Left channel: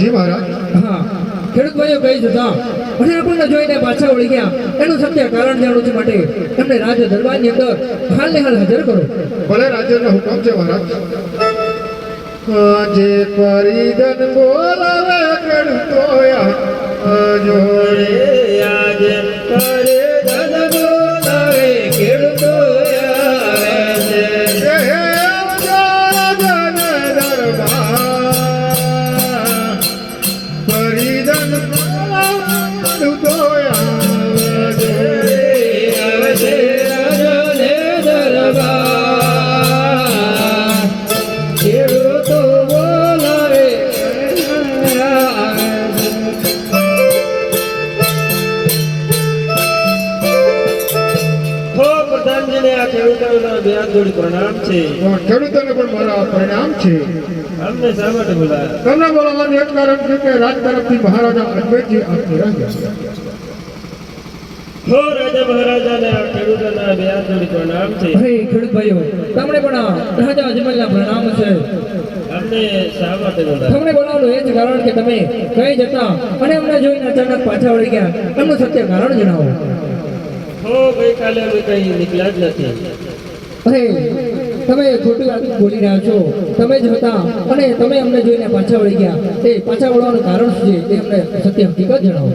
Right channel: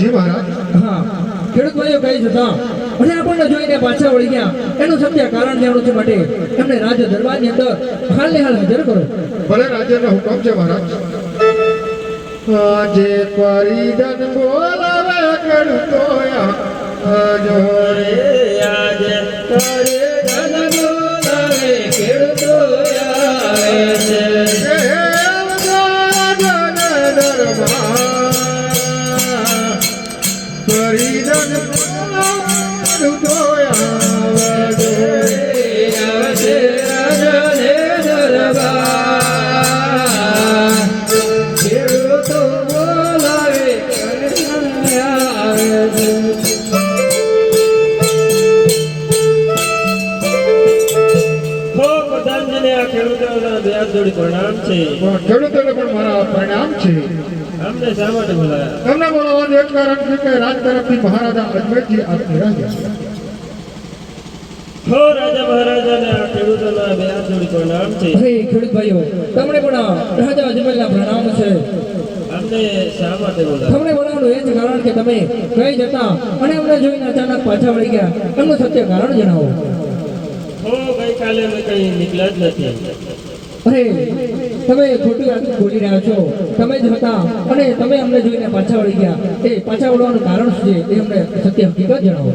જી મહારાજ હા ખેડૂત ભાઈઓ કહી જતા અને આપણને જોઈને પાછા વળી ગયા. એનું સત્ય કારણ જાણવું છે માટે એમને રાજ દરબારની અંદર હાલ ને હાલ હાજર ભલે રાજાનો હુકમ છે મહારાજ આજે પરિદન બોલાવે કરતોયા જોડે વ્યાજ જોડી પ્રણામ છે ખેડૂતોને પણ મારા પ્રણામ છે. અમને શા માટે બોલાયા? તમને બોલાવવાનું એક કારણ છે કે રાજ તરફથી મહારાજા અજમેરજી આપની રાજા હો રાજા મહારાજાને આ ખેડૂતોના વ્યાજ જોડી પ્રણામ છે. અરે ખેડૂત ભાઈઓ તમને પણ રાજા અજમલના પ્રણામ છે. અમને શા માટે બોલાયા? તમને બોલાવવાનું એ જ કારણ કે તમે કઈ જતા અને અમને જોઈને અચાનક પાછા વળી ગયા. એમનું સત્ય કારણ જણાવો. હો ગઈકાલે અમે કઈ નીકળ્યા જ નથી. અરે તમે ખોટી વાત બોલી રહ્યા છો, તમે જ હતા અને તમે અમને જોઈને પાછા વળી ગયા. એ પાછા વળવાનું કારણ શું છે તે અમને સત્ય હકીકત જણાવો.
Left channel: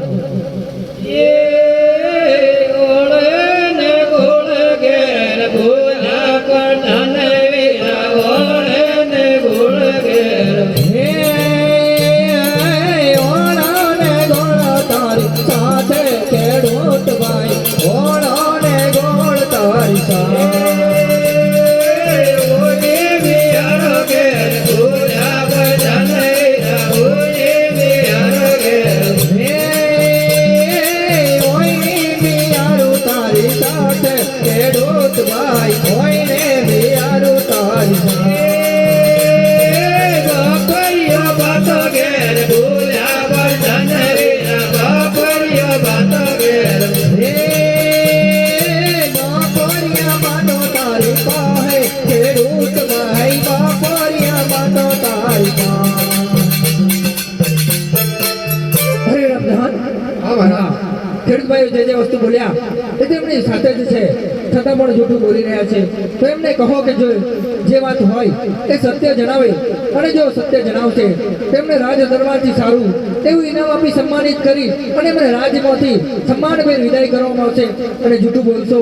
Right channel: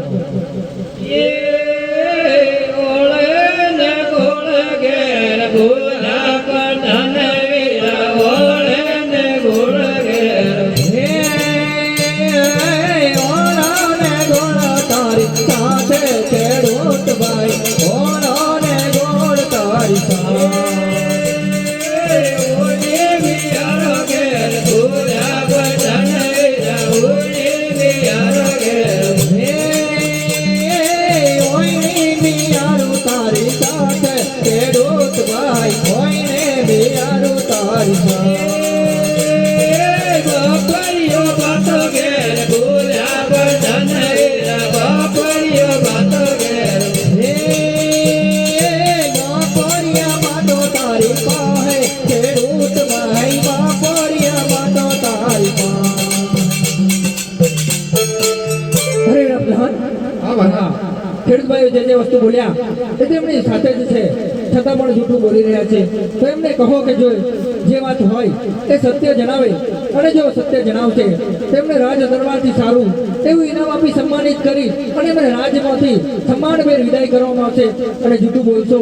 એ સત્ય જણાવે. અને જો સત્ય જણાવશે તેમને રાજ દરબારથી સારું, તેવું ઇનામ આપી સન્માનિત કરી અને એમને રાજમાંથી સન્માનભેર વિદાય કરવામાં આવશે. અને જૂઠું બોલશો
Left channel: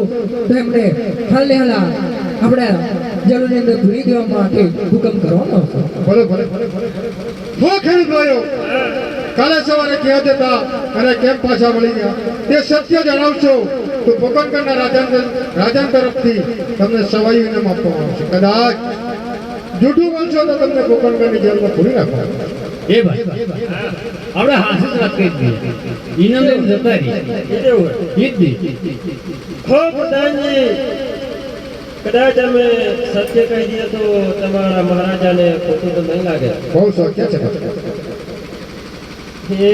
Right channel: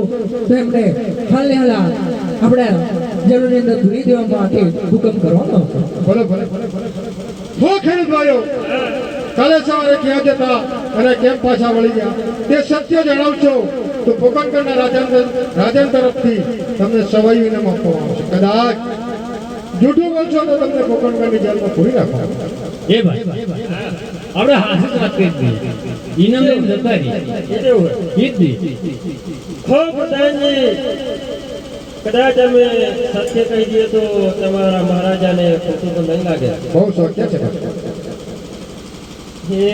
તો એમને હાલને હાલ આપણે જલોની અંદર ભૂલી દેવા માટે હુકમ કરવામાં આવશે. ખેડૂત ભાઈઓ, કાલે સવારે ક્યાં જતા અને કેમ પાછા વળી ગયા? તે સત્ય જણાવશો તો રાજા રાજા તરફથી તમને સવાઈ ઇનામ આપવામાં આવશે. કદાચ જૂઠું બોલશો તો તમને કોકણગઢની જેલમાં પૂરી નાખો. એ ભાઈ આપણે હાથે જ વાત કરી દઈએ ઇનામ લઈને જતા રહીએ. એ કેવું હોય? એ જ નહીં. હો પ્રધાનજી કદાચ અમે સત્ય કહી દઈએ તો તમારા મહારાજાને ખોટું તો નહીં લાગે. બહુ શક્ય છે. હે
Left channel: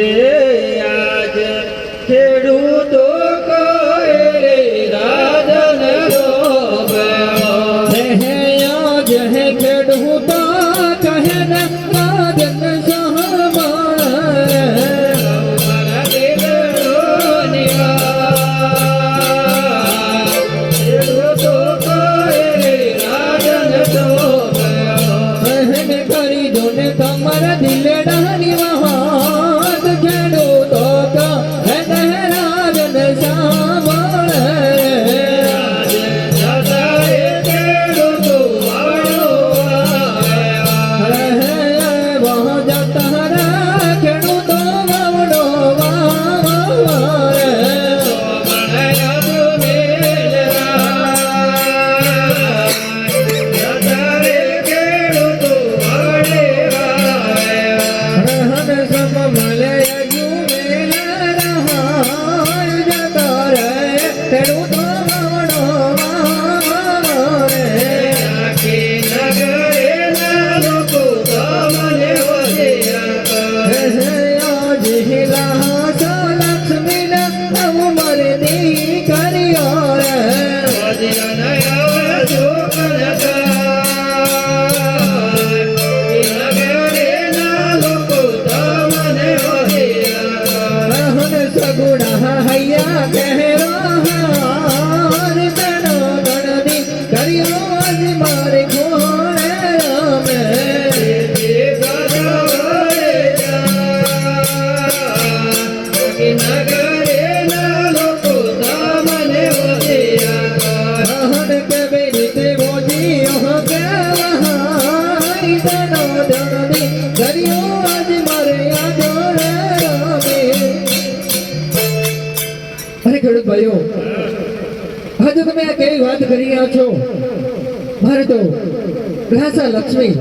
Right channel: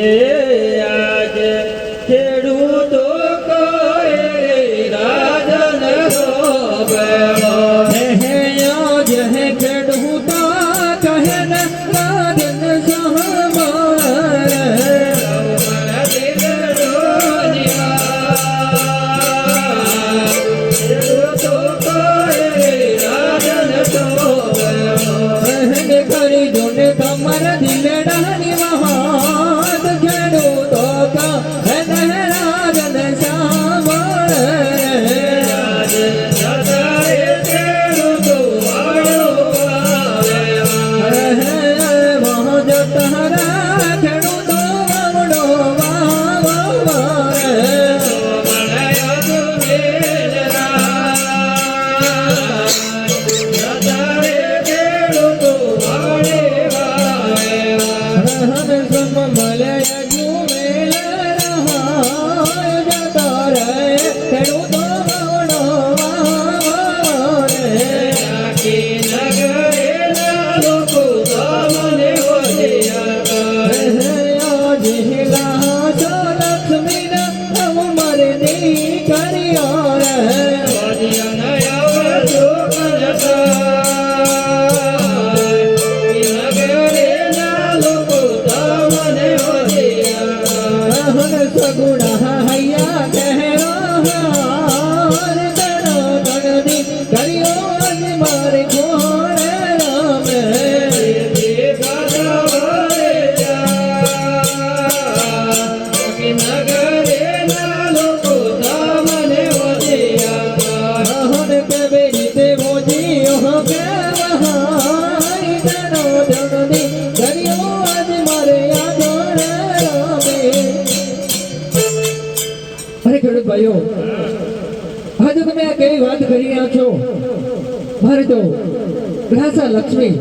ગ્રાસા લક્ષ્મી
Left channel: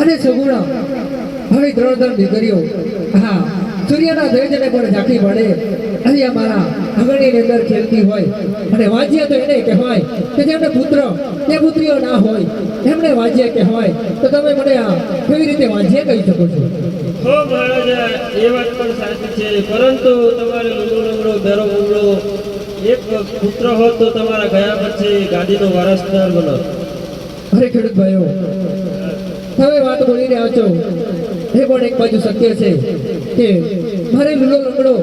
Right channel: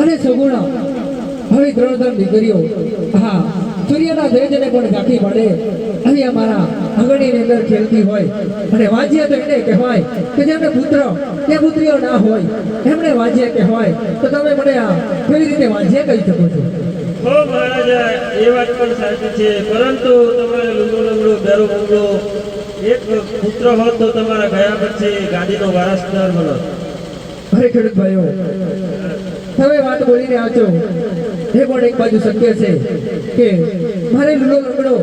અને સુગુણ. હવે ત્રણ દીકરીઓ, હા, સૂર્યના તેજને પણ ઝાંખી પાડે. અને અમારા આંગણીની અંદર ખેલતી હોય અને વાજ્ય તો એને કહેવાય કે જેમને પુત્ર કે પુત્રીઓ ના હોય, એમને વાજ્ય કહેવાય. તો તમે મને આ કેવી રીતે વાજ્ય કહી શકો છો? એ વાત પણ સાચી છે. પરંતુ તમારે લંગડો લંગડો, બેરો એક પુત્ર હોત તો તમારા ગયા પછી ગાદીનો વારસદાર બનો અરે ખેડૂત ભાઈઓ, તમે વાત બોલી રહ્યા છો. એ પણ એક બાજુ સત્ય છે કે મારે લીલો લંગડો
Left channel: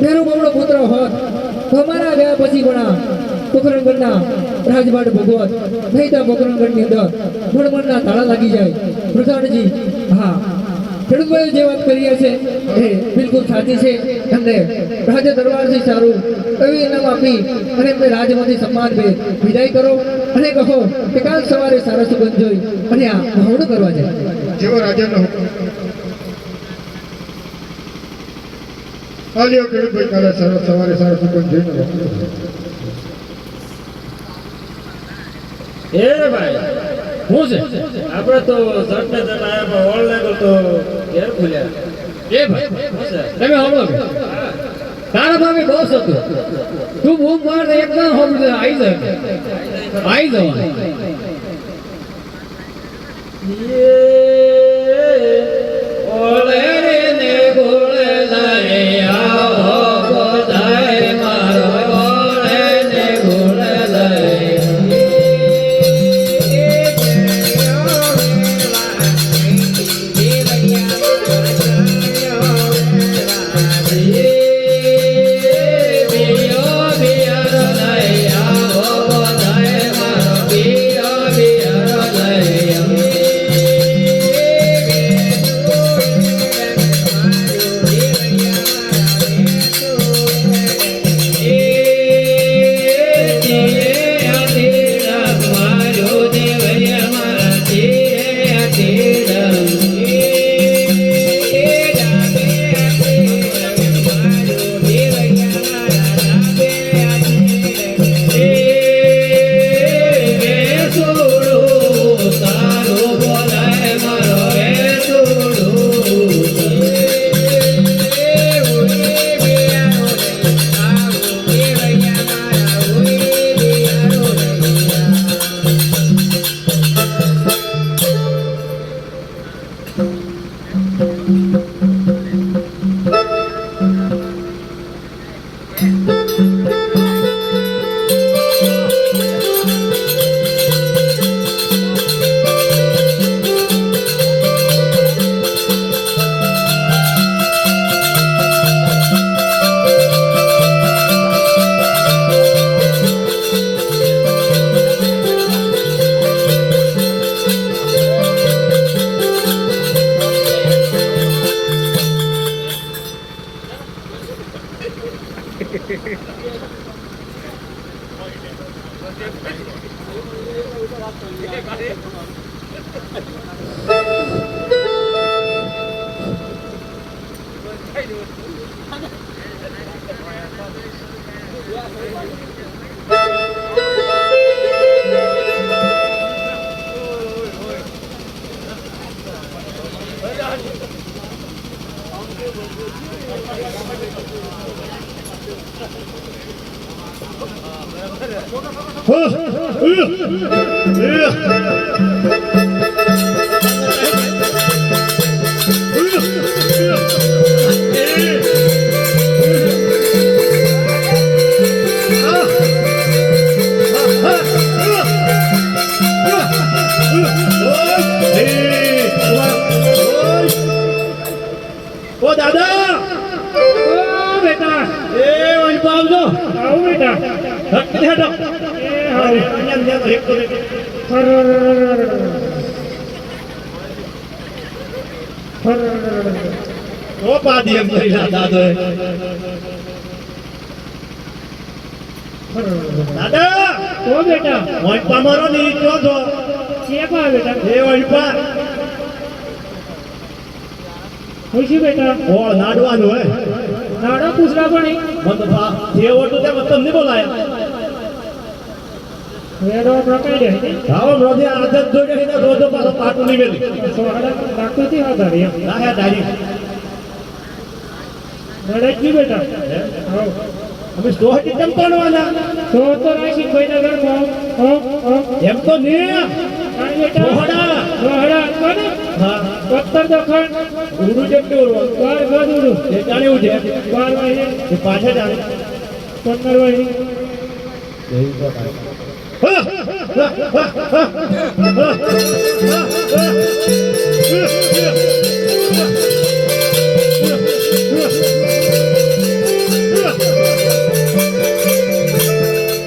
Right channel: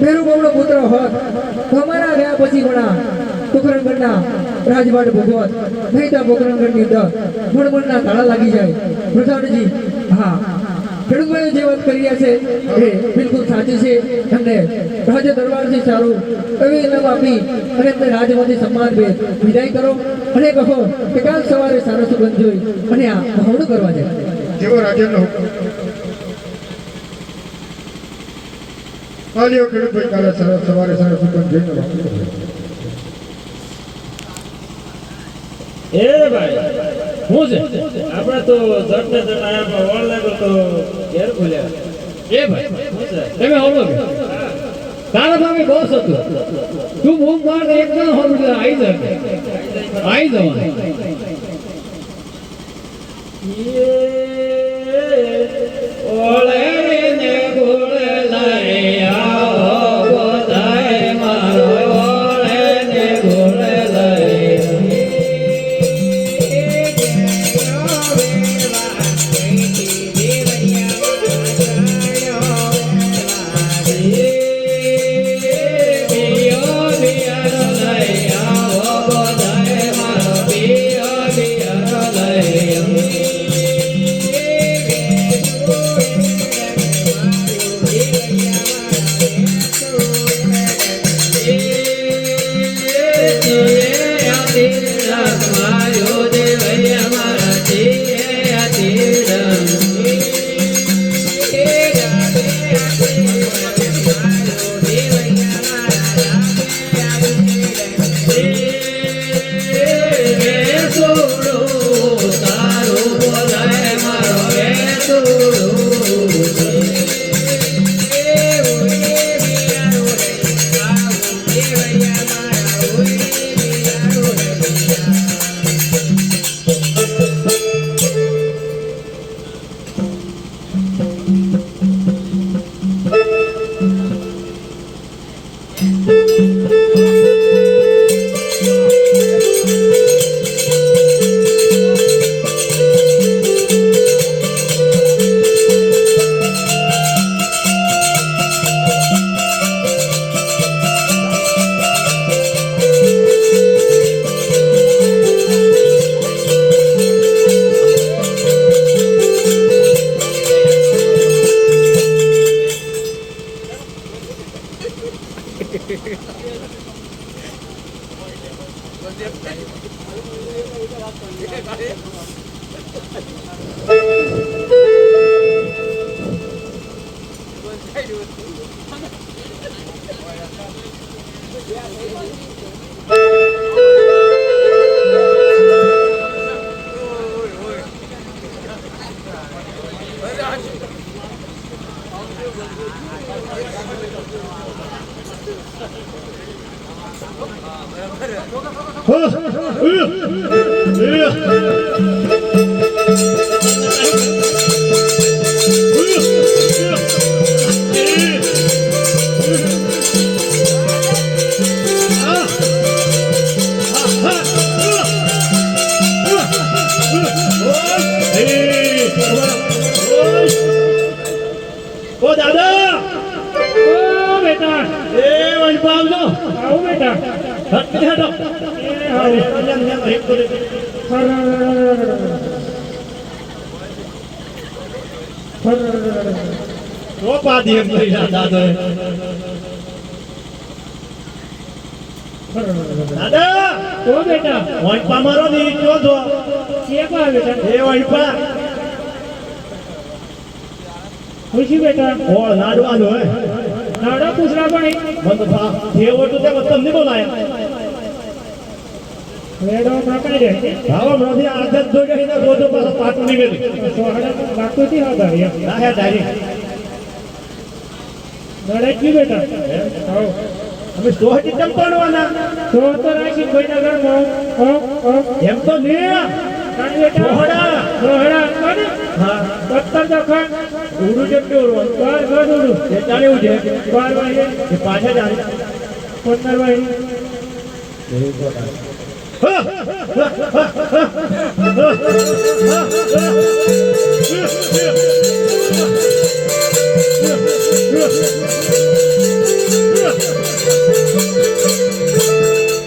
પેલો બમણો પુત્ર હોત તો અમારા ગયા પછી પણ આ કુકરંગણના રાજવાડ ભગવત, નહીં તો કુકરંગણની અંદર ગુણમણના તાળા લાગી જાય. પ્રધાનજી હા ખેડૂત ભાઈઓ જે વાત કરીએ છે એ બિલકુલ સાચી છે. અને રાજા દરબારથી સારું કવિ ઇનામ આપી અને એમને રાજમાંથી સન્માન ભેટ વિદાય કરો. અને કહો કે કાલ સવારે સારો સુગંધ જોઈ અને આ મહોડું કરવા જાય. જેવો રાજાનો હુકમ આલ્યો ખેડૂત ભાઈ કાલે સારો સવારે સારો સુગંધ જોઈને એ ભાઈ. શું છે આપણે તો જટ ને આયા વળ લાગ્યો તો ઘેર ખુલ્યા એ ભાઈ તમે સાંભળો તારા ભાગે બહુ હતું તું બહુ માર એકદમ હોમ આવી જાય આવી જવાનું ઓળે here. ઓ દાદા ઓ ઓ એમ નહીં દાદા દાદા ઓ બેટા વણપા મારો ની કયો છો કે બા બેટા એ વણપા ખુશી બેટા ઓળ લાડવાનો હે નાડો પૂછરા પણ બાપા જેવો તો તેમ તમને બોલાય લેડો પકડી રહી આવો રોજે આદત જોડે રોજો પાછો પાટું નીકળી સોહડા લાગતું થી હા લડાઈ કી બેટા અમે સોહટી કેમ પડવાના તો તો રાખી કોઈ ના. ગામ હો હો એમ તો બેટા સોહડા. સોહડા કાને હા. પત્તર તો ખાન ઉડું જેમ કે ઉડવાનું? બાર બાર એ તાણે ઉજે બાર વાગે એ પાછે જાણે પંદર વાગે Yeah.